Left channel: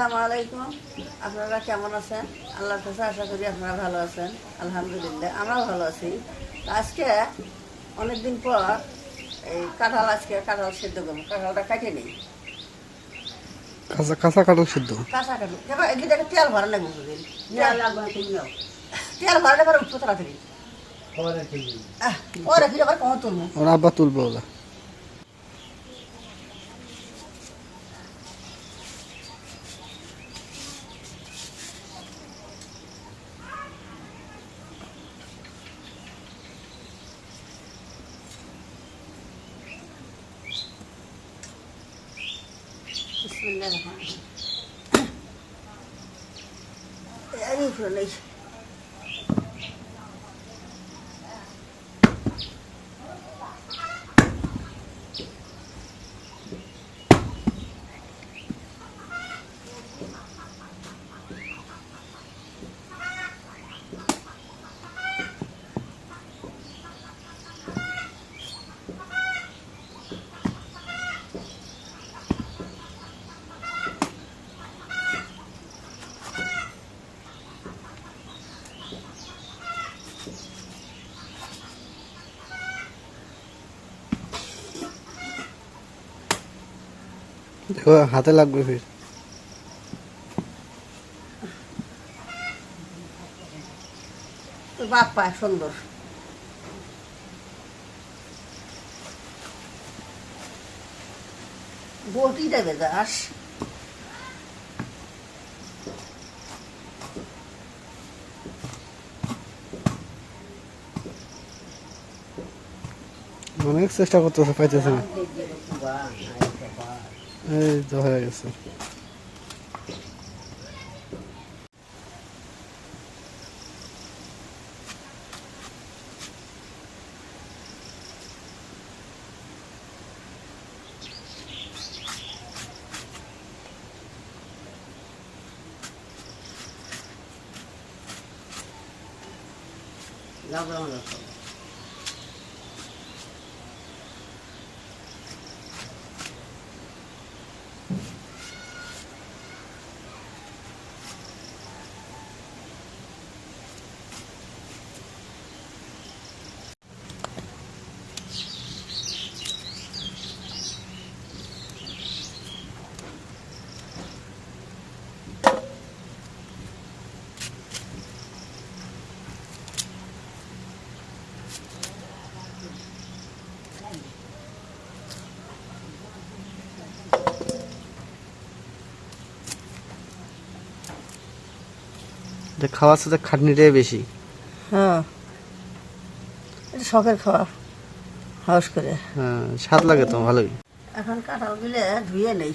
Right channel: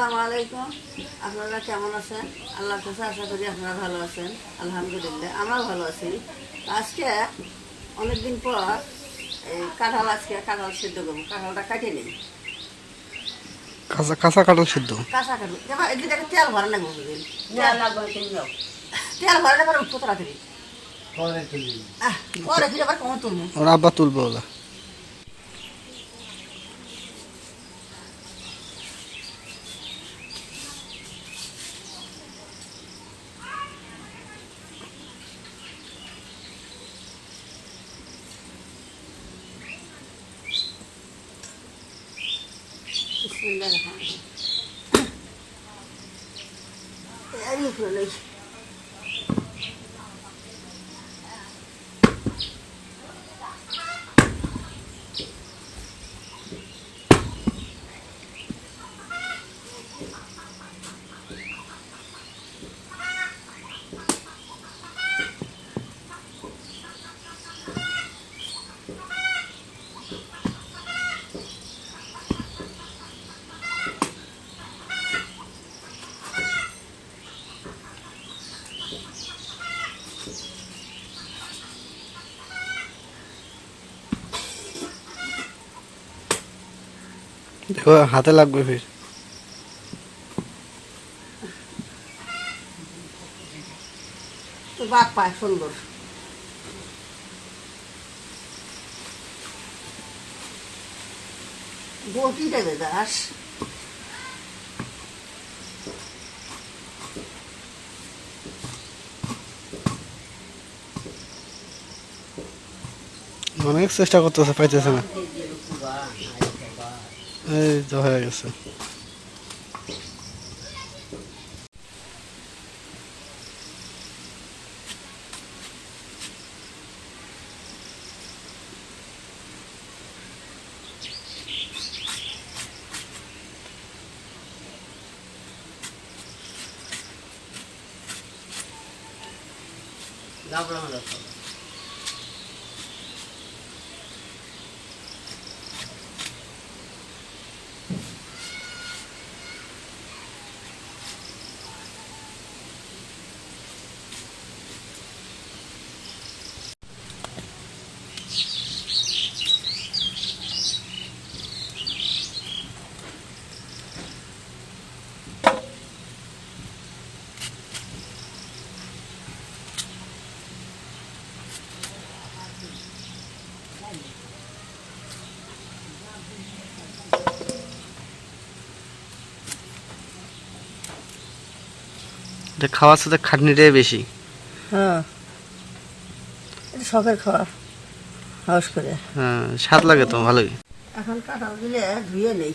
আসসালামু আলাইকুম। আপনারা কেমন আছেন? আল্লাহর কাছে আশা করি আপনারা ভালো আছেন। আলহামদুলিল্লাহ আমরাও ভালো আছি। আজকে অনেকদিন পর এই কাঁঠাল আজকে কাঁঠাল সিদ্ধ করব। কাঁঠালটা কাটিয়ে নিই। কাঁচা কাঁচা কাঁঠাল সিদ্ধ? কাঁচা কাঁঠাল। এদিকে তেল ভরা লাগবে বুঝলেন? তেল লাগবে তেল ভরা লাগবে উঠবো তাড়াতাড়ি পরে ফিরে আবার কমন তুলবো। আব্বা তুলবে ওলা বিসমিল্লাহির রহমানির রহিম। এই ফুলে নেই দেখো হাতে লাগবে ফির। সুন্দর দেবে অনেক চেষ্টা করতেছে পাইতেছে না। এই তো হয়ে গেছে। এটা খাওয়ার সাথে খাটনিটাই বেশি। হ্যাঁ। এটা শখের খাওয়া হাউস করে। হ্যাঁ স্বাদ লাগে তো ভালোই। এখন কাঁঠাল দিলে ধুয়ে নেই।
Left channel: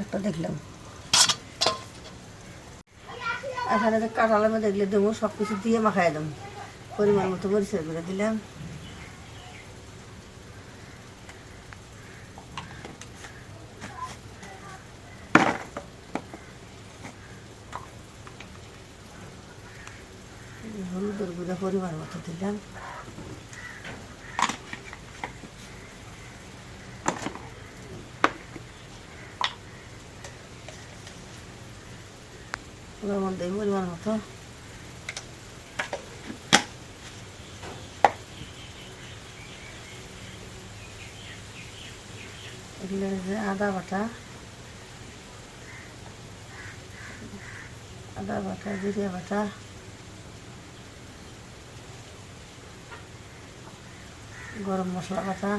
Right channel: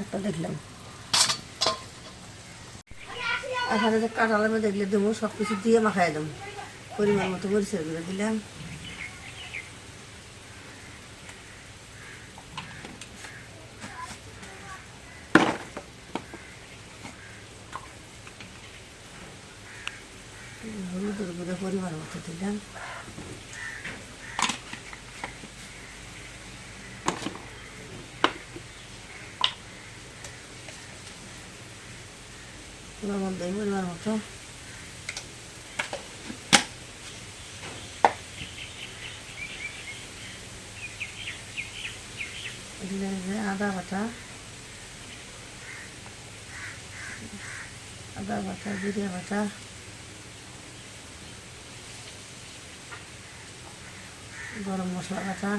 একটা দেখলাম। এখানে যে কাঁঠালের মধ্যে দেখলে দেবো সব কিছু দিয়ে মাখাই দেবো। পরিমাণ মতো পরিষ্কার করে দিলাম। হলুদের গুঁড়ো পরিমাণ মতো দিলাম। ওর মধ্যে পরিমাণ মতো এগুলো যে আদা বাটা আদা বাটা জিরে বাটা গরম মশলা বাটা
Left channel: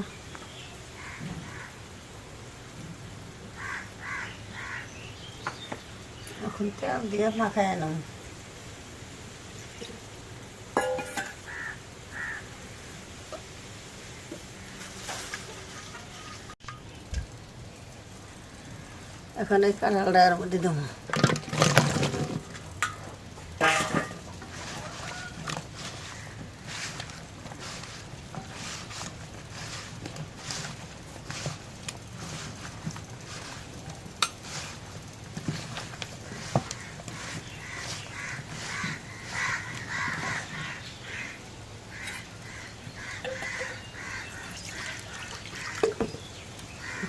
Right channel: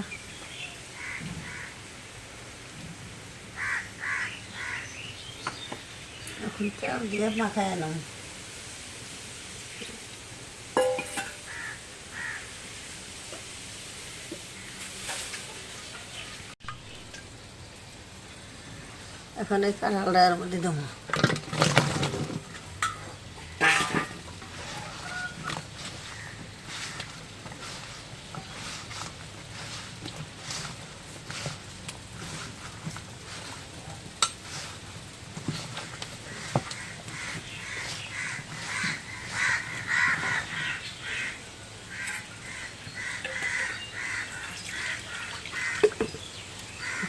খুলতে দিয়ে মাথায় এলাম এখন এই কাঁড়ালটা এর মধ্যে দেবো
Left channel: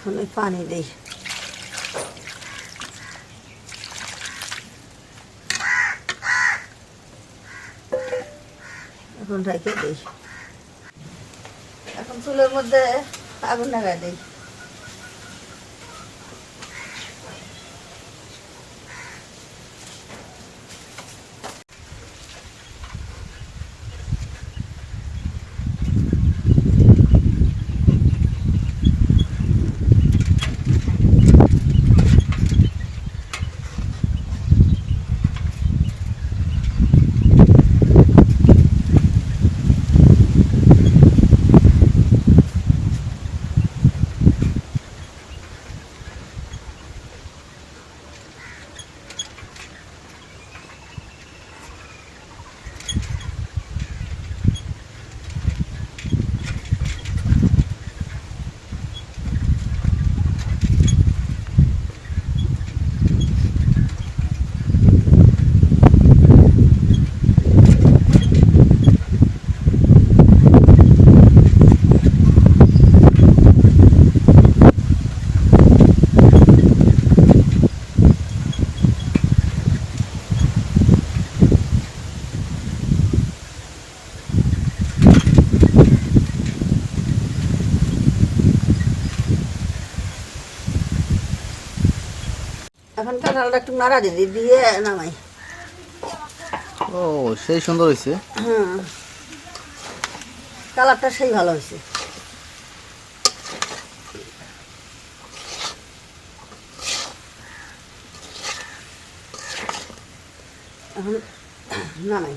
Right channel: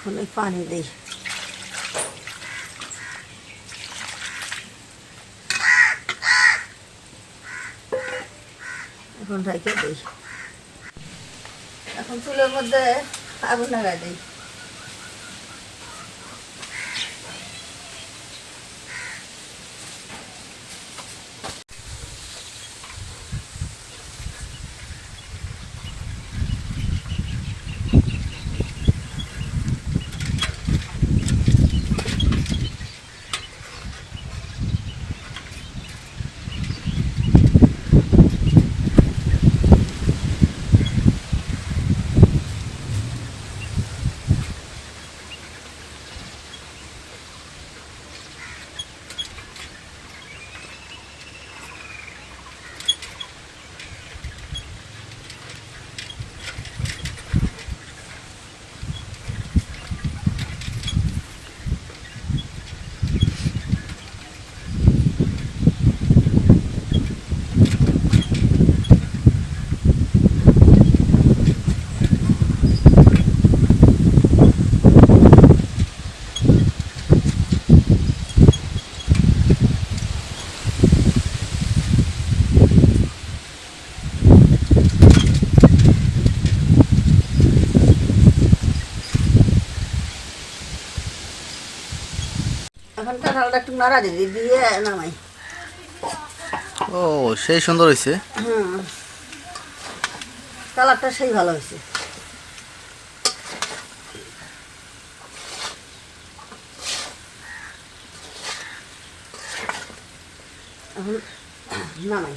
এখন এই পানি দিই। এখন রেখে দিই। এখন চুলের মধ্যে আগুন লাগাই দিই এখন কাঁঠালটা একটু নাড়া দিদি দিয়ে নামাই। ও সেই সুন্দর হয়েছে হুম। কালারটা সেই ভালো হয়েছে নামাই।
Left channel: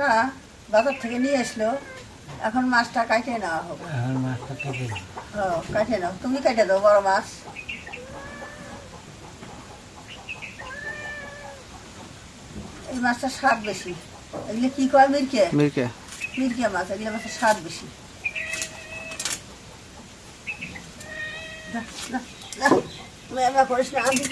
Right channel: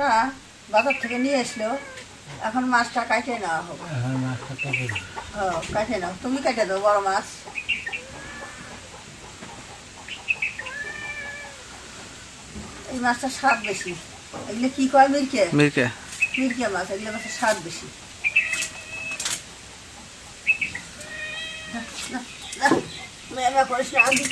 তা বাজার থেকে নিয়ে আসলো এখন মাছটা কাটিয়ে নেওয়া হবে ও কাটে নাও তুমি কেটে দাও বড় মাছ এই মাছটা স্বাদ বেশি এগুলো কি কয় মিরকে মিরকে মিরকে মাছ এগুলো মাছের স্বাদ বেশি না, না, না, করিস না আমি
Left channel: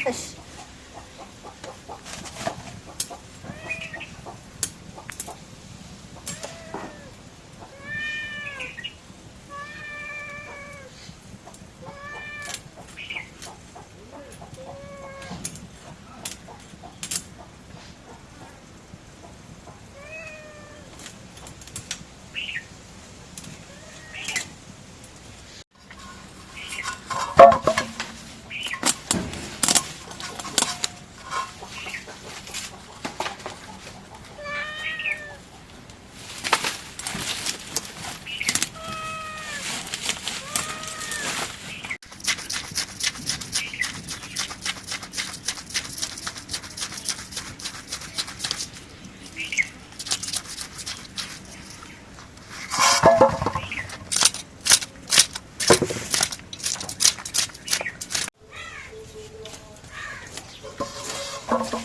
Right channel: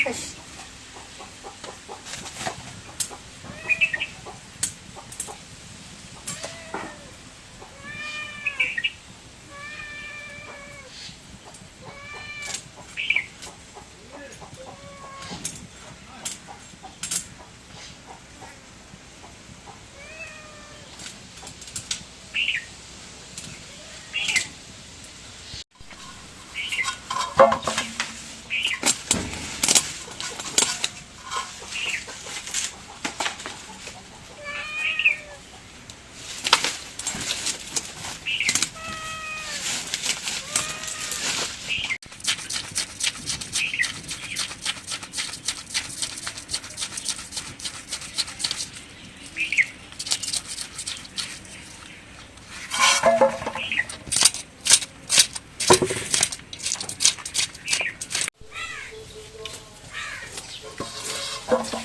そうそう。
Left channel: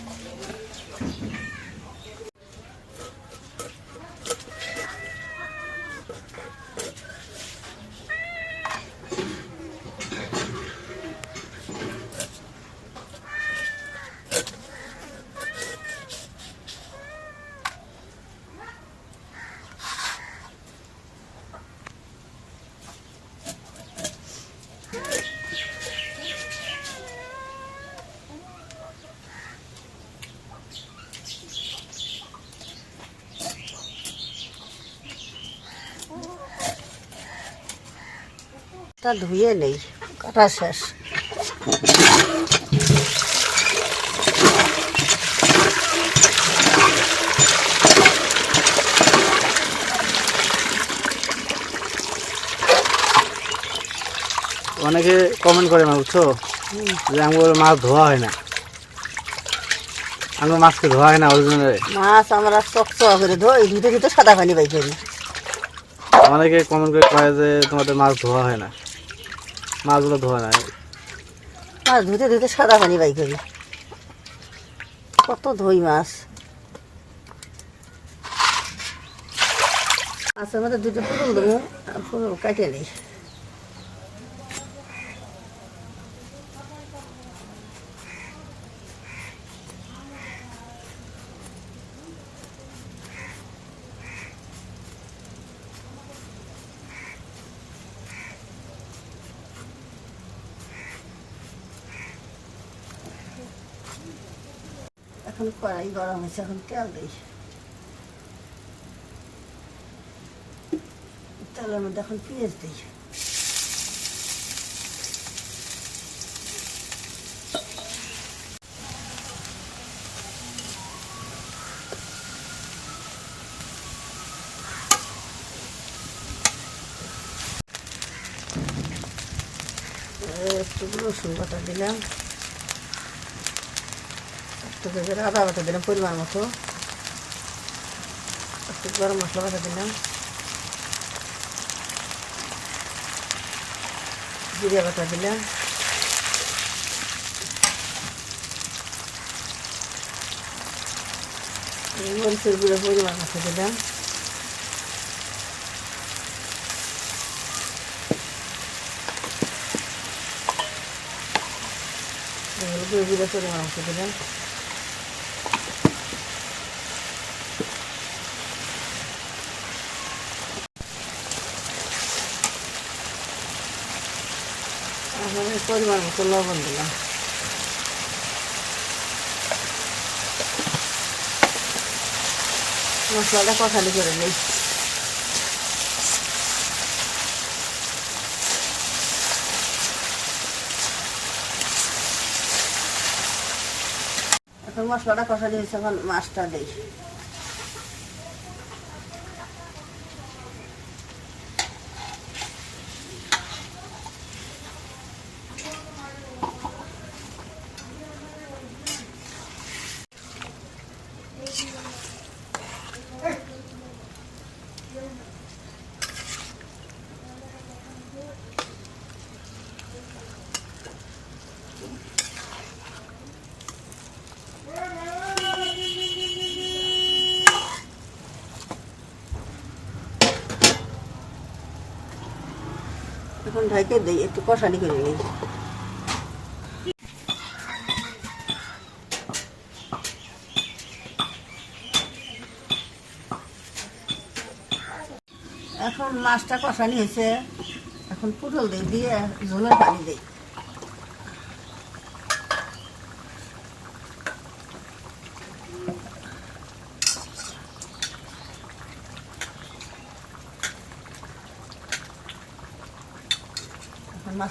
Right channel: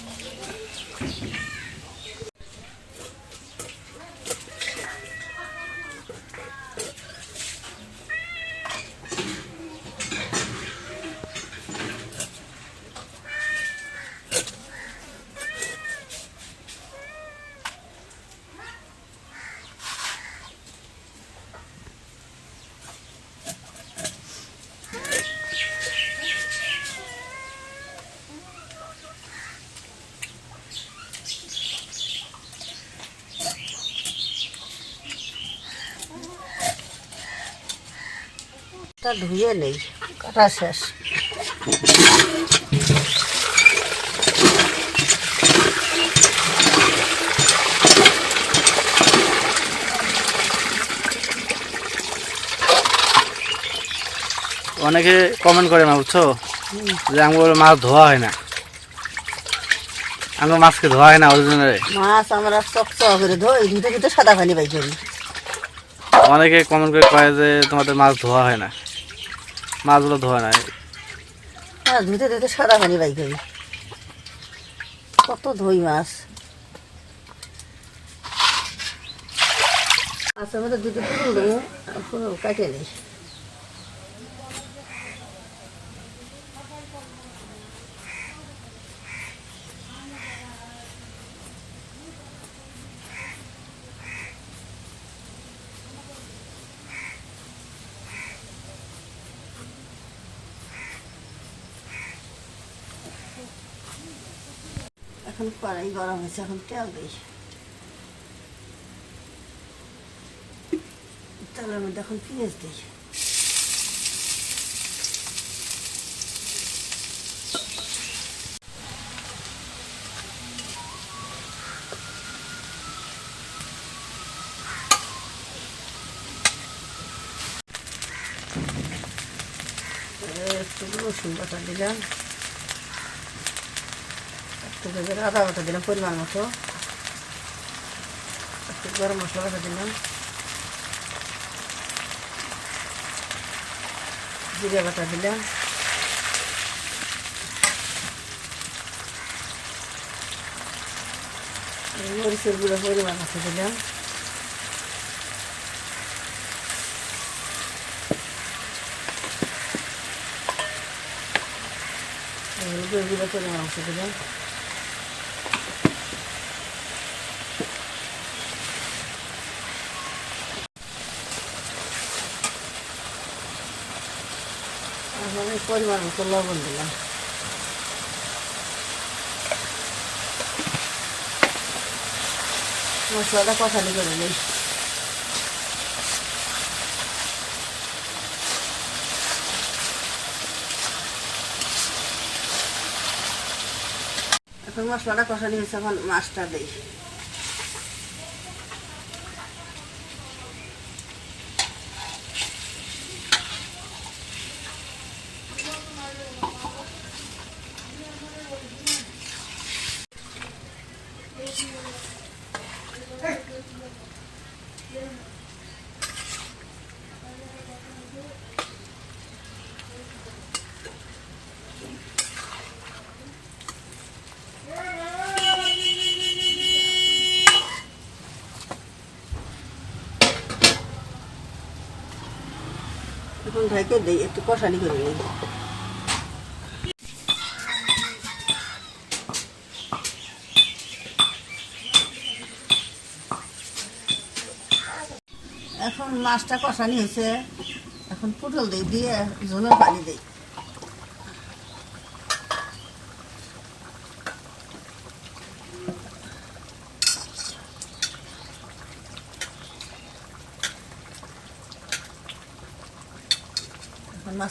তা ধুয়ে নেই কাটা শেষ। অনেকে কমেন্ট করে না বুঝছ? যে আমার মাছ ধোয়া হয় না। আমার মাছকে ধোয়া হয় না অরিজিনালে মাছ আমরা চকচক করে ধোই ধুতে ধুতে সাদা পানি বাই অনেকে কমেন্ট করে কয় যে তোমাদের মাছ ধোয়া হয় না। মাছগুলো ধোয়া নাই। মাছ ধুতে ধুতে সাদা পানি বাই করি কত ধুই মাছ। আচ্ছা আমাদের দুটো ফুল দেবো, ফুল কাটে নিই এখন কড়াই গরম হয়েছে, এখন তেল দিই। তেলের মধ্যে এখন পেঁয়াজ দিই। একটু রসুন বাটা দিলাম। একটু করে আদা বাটা দিলাম, পরিমাণ মতো। একটু গরম মশলা বাটা দিলাম। জিরে বাটা দিলাম। মরিচের গুঁড়ো পরিমাণ মতো দিলাম। গুঁড়ো পরিমাণ মতো দিলাম। এই পরিমাণ মতো লবণ দিলাম। মশলাটা কষালি করে নিই। মশলাটা কষালি হয়েছে এখন মাছটা দিই। ঢাকে দিই, একটু কষানি করে নিই। এখন মাছটা কষানি হয়েছে। এখন পুটল দিই দিয়ে ঝোলের পানি দিই।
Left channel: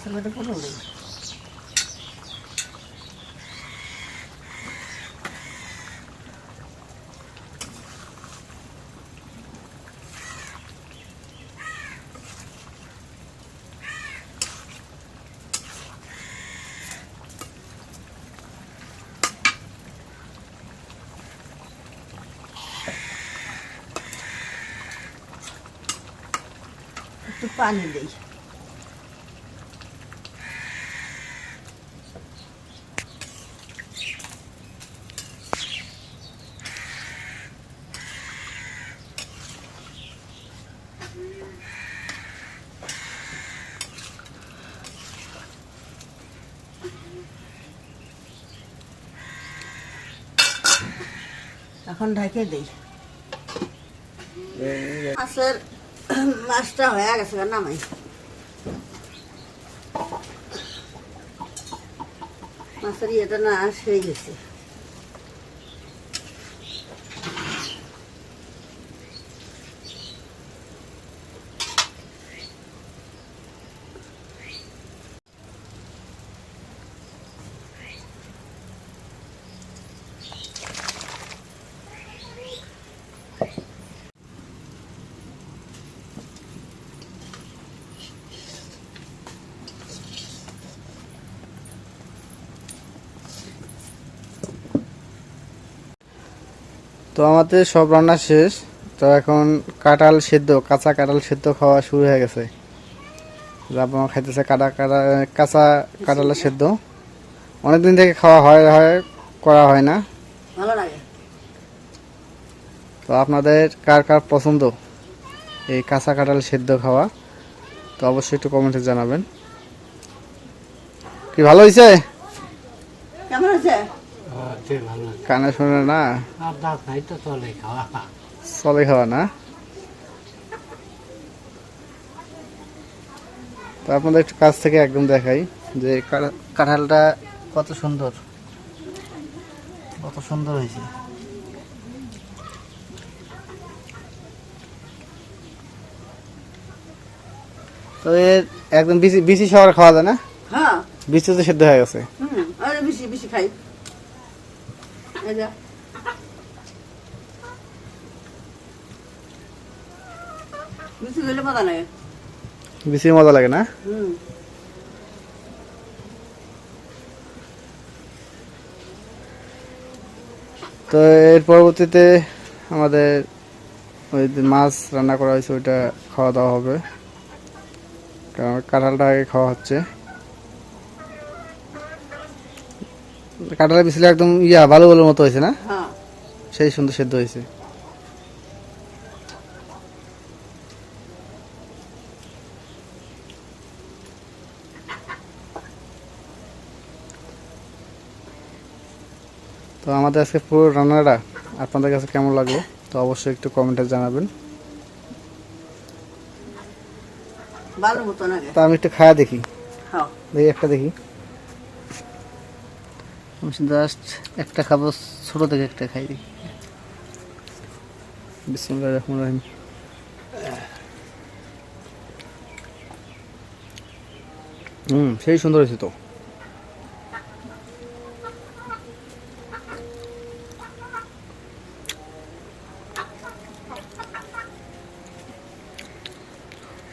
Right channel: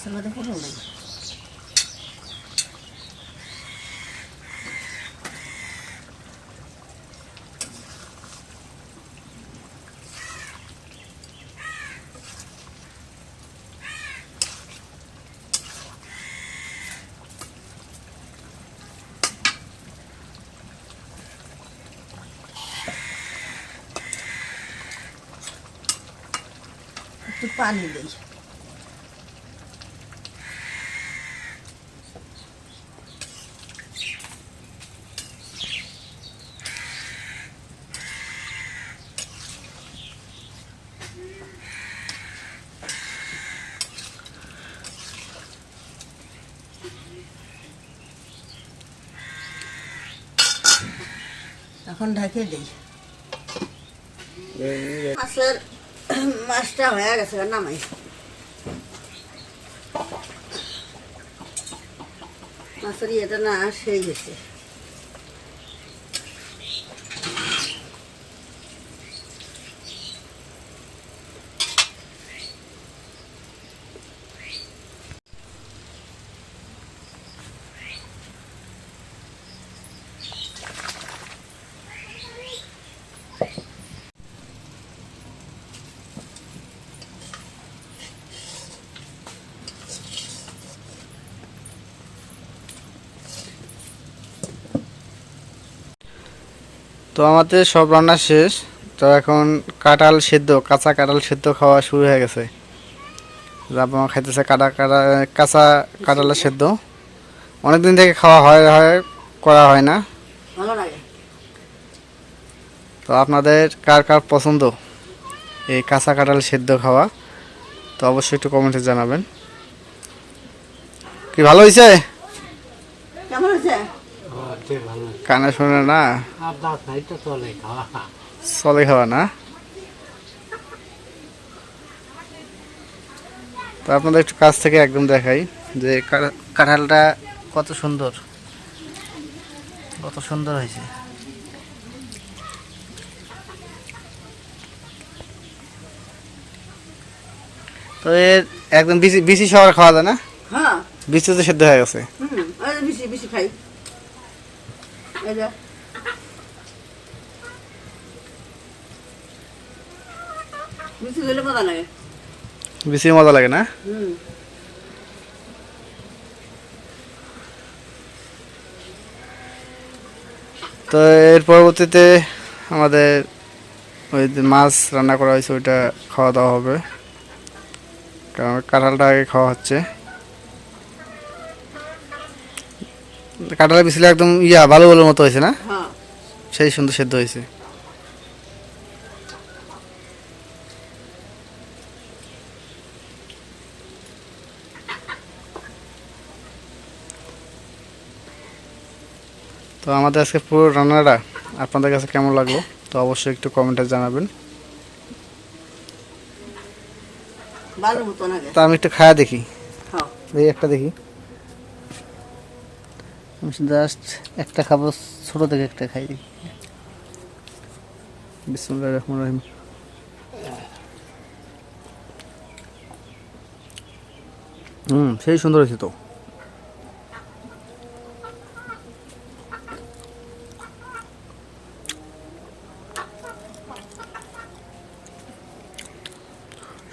এখন মাছের মধ্যে পুটল দিই একটু পানি এখন ঢাকে দিই। মাছের মাছটা হয়ে গেছে নামাই। মাছের ইয়েটা না সেই গেছে। তো আমাদের সব রান্না শেষ। তো এখন কাঁঠাল সেদ্ধ কাঁচা কাঁঠাল সেদ্ধ খাওয়া শুরু হয়ে গেছে। মা খাইতেছে কাটা কাটা কাঁচা কাঁঠালের সেদ্ধ। অনেকদিন থেকে খাওয়া হয় হয় করা হয় না। তো আপনাদের কার কার পছন্দ এই কাঁচা কাঁঠাল সেদ্ধ খাওয়া? তো অবশ্যই একটু কমেন্টে জানাবেন। কি ভালো হয়েছে কেমন হয়েছে কানে শোনে না? চলে খাওয়া। না? তো আপনাদের একটু কাছ থেকে একদম দেখাই যে কাঠা- কাঁঠালটা কত সুন্দর। কত সুন্দর হয়েছে। তো এর একদম বিচি বিচি সবার খাওয়া যায় না? হ্যাঁ। বিচি তো সেদ্ধ হয়ে গেছে। হুম বেশি বেশি খাই। এই যে। বেশি দিলে কথা নাই বিচি মজা লাগে না? হুম। তো এর পরবর্তীতে আমাদের ওই যে মাছ রান্না করা হয়েছে ওইটা খাওয়া দাওয়া হবে। কারণ কাঁঠালটা আগে খাওয়া হচ্ছে। কাঁঠালের বিচলে একদম ইয়া ভালো ভালো মতো হয়েছে না? হ্যাঁ। সেই সুন্দর সেদ্ধ হয়েছে। তো আমাদের আজকে পুরো রান্নাটা আপনাদের কাছে কেমন লাগল তো অবশ্যই একটু কমেন্টে জানাবেন। তা আমি একটু খায়া দেখি। খাও দেখি একটা দেখি। আমি জাস্ট একটা খাব, ছোট থেকে একটা খাই। দেখি বিসমুল্লাহ রহমান রহিম। হুম, সেই সুন্দর হয়েছে তো।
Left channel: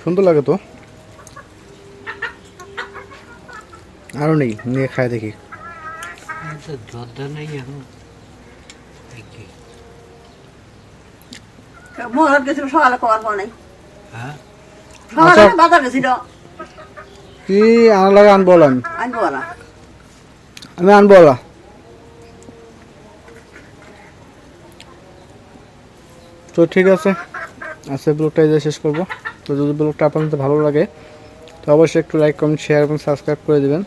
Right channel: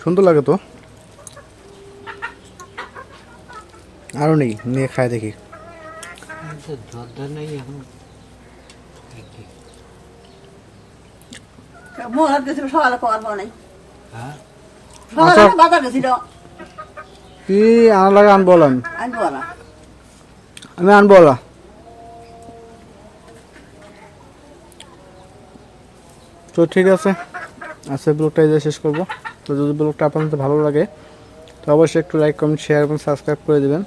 সুন্দর লাগে তো। আরও নেই, নিয়ে খায় দেখি। তো জর্দা নেই এখন দেখি মোহর গেছিল সকালে খাওয়ার পর নাই। হ্যাঁ সকালে আচ্ছা। বাজার গেছিল। কি আনা লাগে আনব আমি আনব না আমি আনব ওলা তো ঠিক আছে। আজকে ব্লগটা এই যে শেষ করব। তো যদি ব্লগটা আপনাদের ভালো লাগে তো অবশ্যই একটু লাইক কমেন্ট শেয়ার এবং সাবস্ক্রাইব করে দেবেন।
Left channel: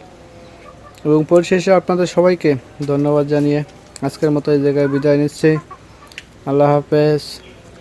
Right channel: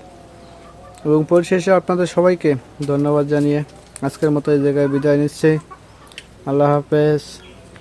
এবং পরিশেষে আপনাদের সবাইকে ধন্যবাদ জানিয়ে আজকের মতো এই জায়গায় বিদায় নিচ্ছি। আল্লাহ হাফেজ।